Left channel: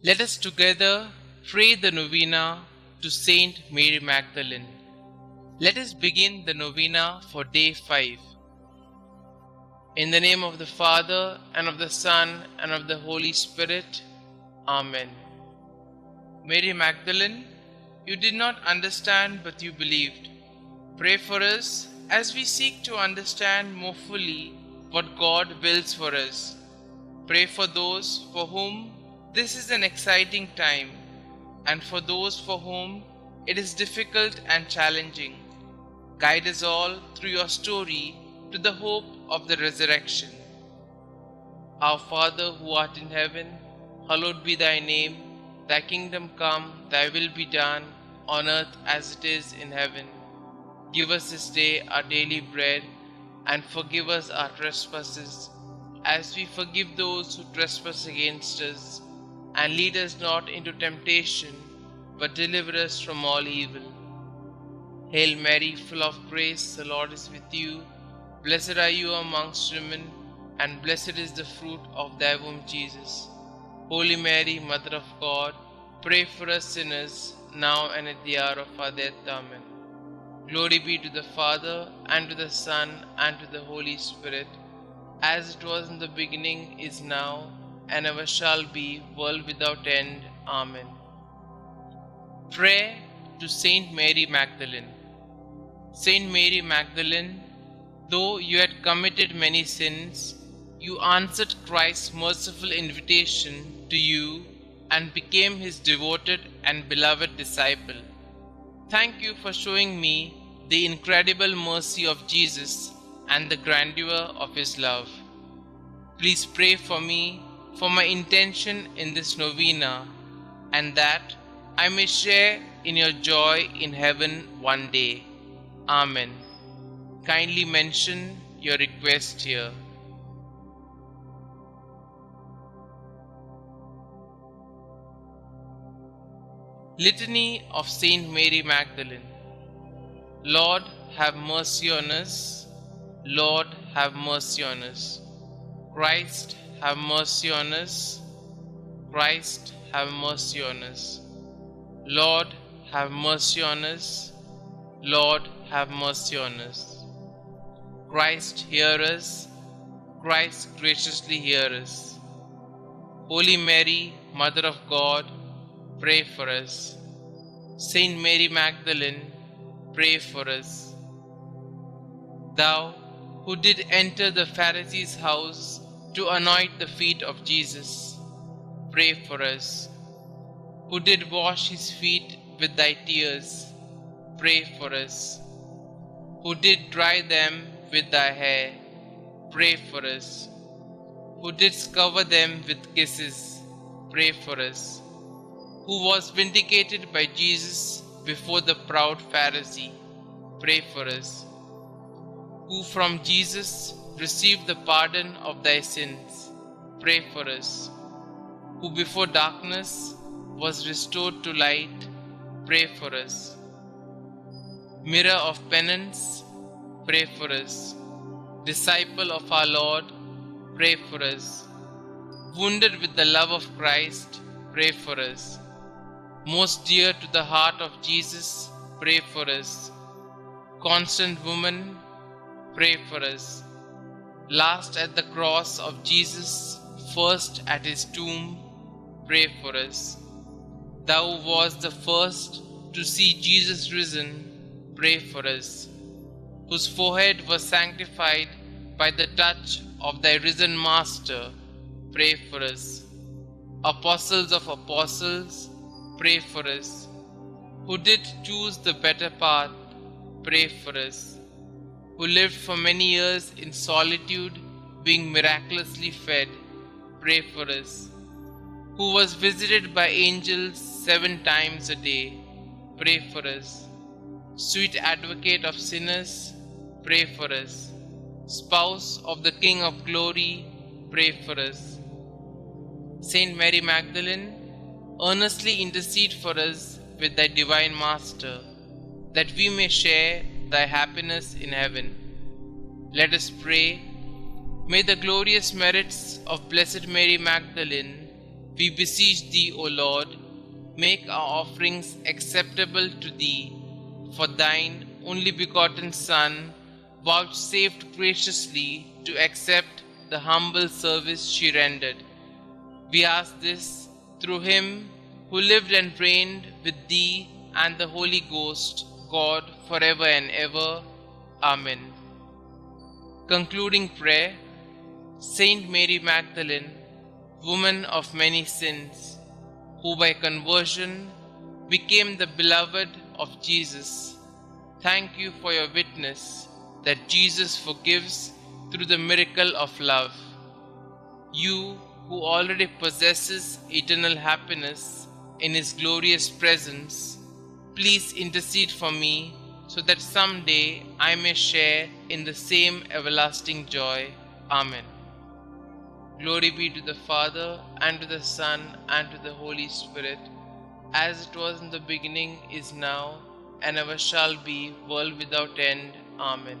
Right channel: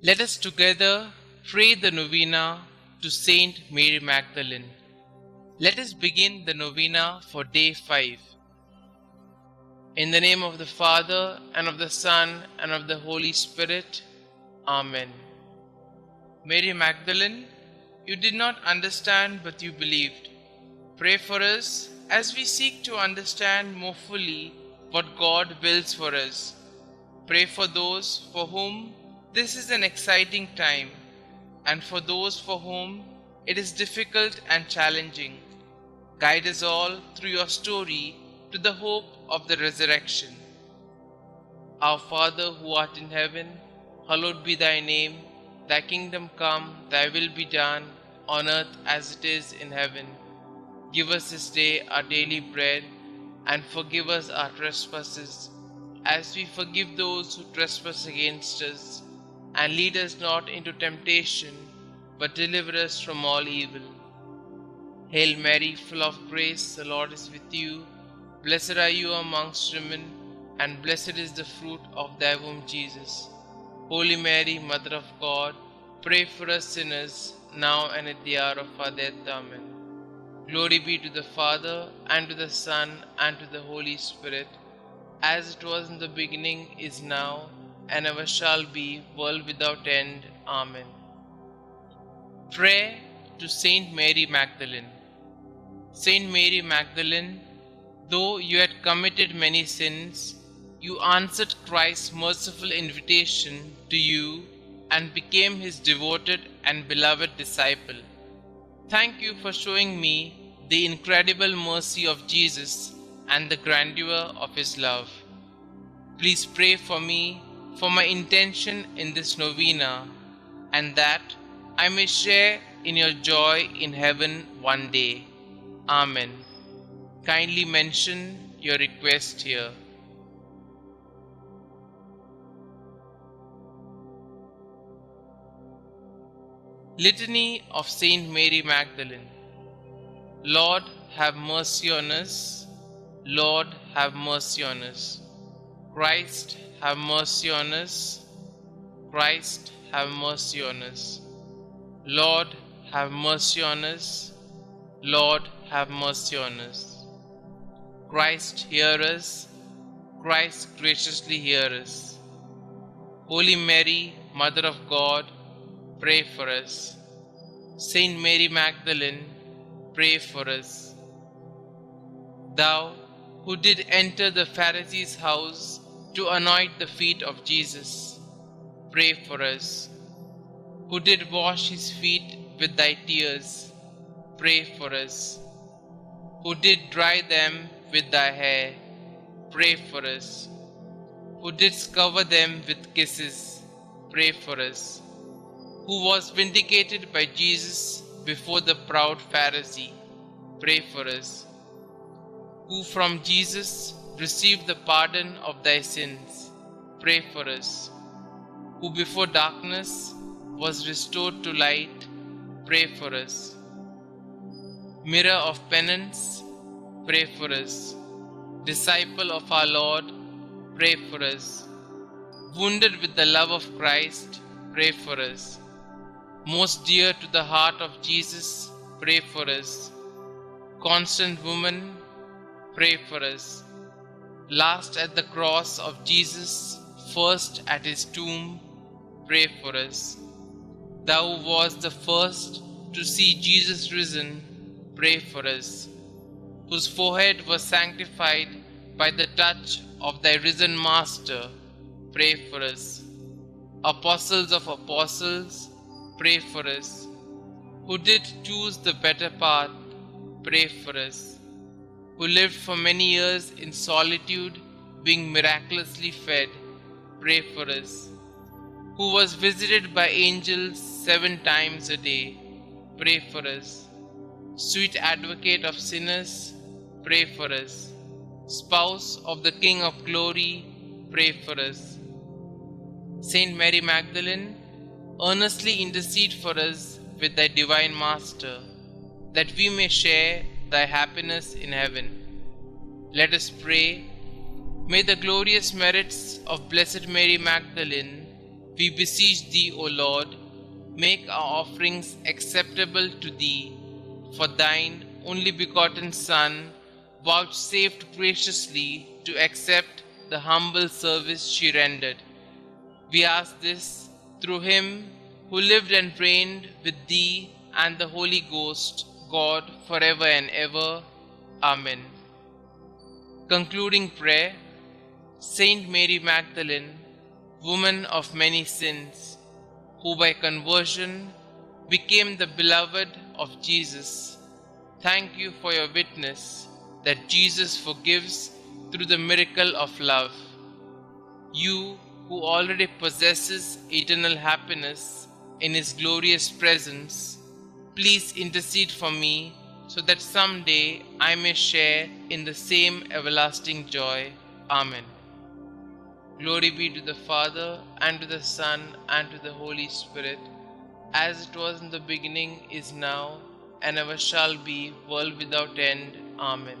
Let us together pray the Novena to St Mary Magdalene. Let us begin the Novena for day 5. In the name of the Father, and of the Son, and of the Holy Spirit. Amen. Mary Magdalene, you did not understand, but you believed. Pray for us as we seek to understand more fully what God wills for us. Pray for those for whom this is an exciting time, and for those for whom it is difficult and challenging. Guide us all through your story to the hope of the resurrection. Our Father who art in heaven, hallowed be thy name. Thy kingdom come, thy will be done, on earth as it is in heaven. Give us this day our daily bread, and forgive us our trespasses, as we forgive those who trespass against us. And lead us not into temptation, but deliver us from all evil. Hail Mary, full of grace, the Lord is with you. Blessed are you amongst women, and blessed is the fruit of thy womb, Jesus. Holy Mary, Mother of God, pray for us sinners, now and at the hour of our death. Amen. Glory be to the Father, and to the Son, and to the Holy Spirit, as it was in the beginning, is now, and ever shall be, world without end. Amen. Pray to St Mary Magdalene. St Mary Magdalene, though you had committed many sins, you answered Christ's merciful invitation to you and became his devoted and beloved disciple. Thank you for showing me the incredible mercy of Jesus and the grandeur of his love. Please pray for me, for my intention in this novena, and that I may share in your joy in heaven one day. Amen. Kindly mention your request here. Litany of Saint Mary Magdalene. Lord, have mercy on us. Lord, have mercy on us. Christ, have mercy on us. Christ, have mercy on us. Lord, have mercy on us. Lord, have mercy on us. Christ, hear us. Christ, graciously hear us. Holy Mary, Mother of God, pray for us. Saint Mary Magdalene, pray for us. Thou who did enter the Pharisee's house to anoint the feet of Jesus, pray for us. Who did wash his feet with thy tears, pray for us. Who did dry them with thy hair, pray for us. Who didst cover them with kisses, pray for us. Who was vindicated by Jesus before the proud Pharisee, pray for us. Who from Jesus received the pardon of thy sins, pray for us. Who before darkness was restored to light, pray for us. Mirror of penance, pray for us. Disciple of our Lord, pray for us. Wounded with the love of Christ, pray for us. Most dear to the heart of Jesus, pray for us. Constant woman, pray for us. Last at the cross of Jesus, first at his tomb, pray for us. Thou wast the first to see Jesus risen, pray for us. Whose forehead was sanctified by the touch of thy risen Master, pray for us. Apostles of apostles, pray for us. Who did choose the better path, pray for us. Who lived for many years in solitude, being miraculously fed, pray for us. Who was visited by angels 7 times a day, pray for us. Sweet advocate of sinners, pray for us. Spouse of the King of glory, pray for us. Saint Mary Magdalene, earnestly intercede for us with thy divine Master, that we may share thy happiness in heaven. Let us pray. May the glorious merits of Blessed Mary Magdalene We beseech thee, O Lord, make our offerings acceptable to thee, for thine only begotten Son vouchsafed graciously to accept the humble service she rendered. We ask this through him who lived and reigned with thee and the Holy Ghost, God, forever and ever. Amen. Concluding prayer. Saint Mary Magdalene, woman of many sins, who by conversion became the beloved of Jesus, thank you for your witness that Jesus forgives through the miracle of love. You who already possesses eternal happiness in His glorious presence, please intercede for me so that someday I may share in the same everlasting joy. Amen. Glory be to the Father, and to the Son, and to the Holy Spirit, as it was in the beginning, is now, and ever shall be, world without end. Amen.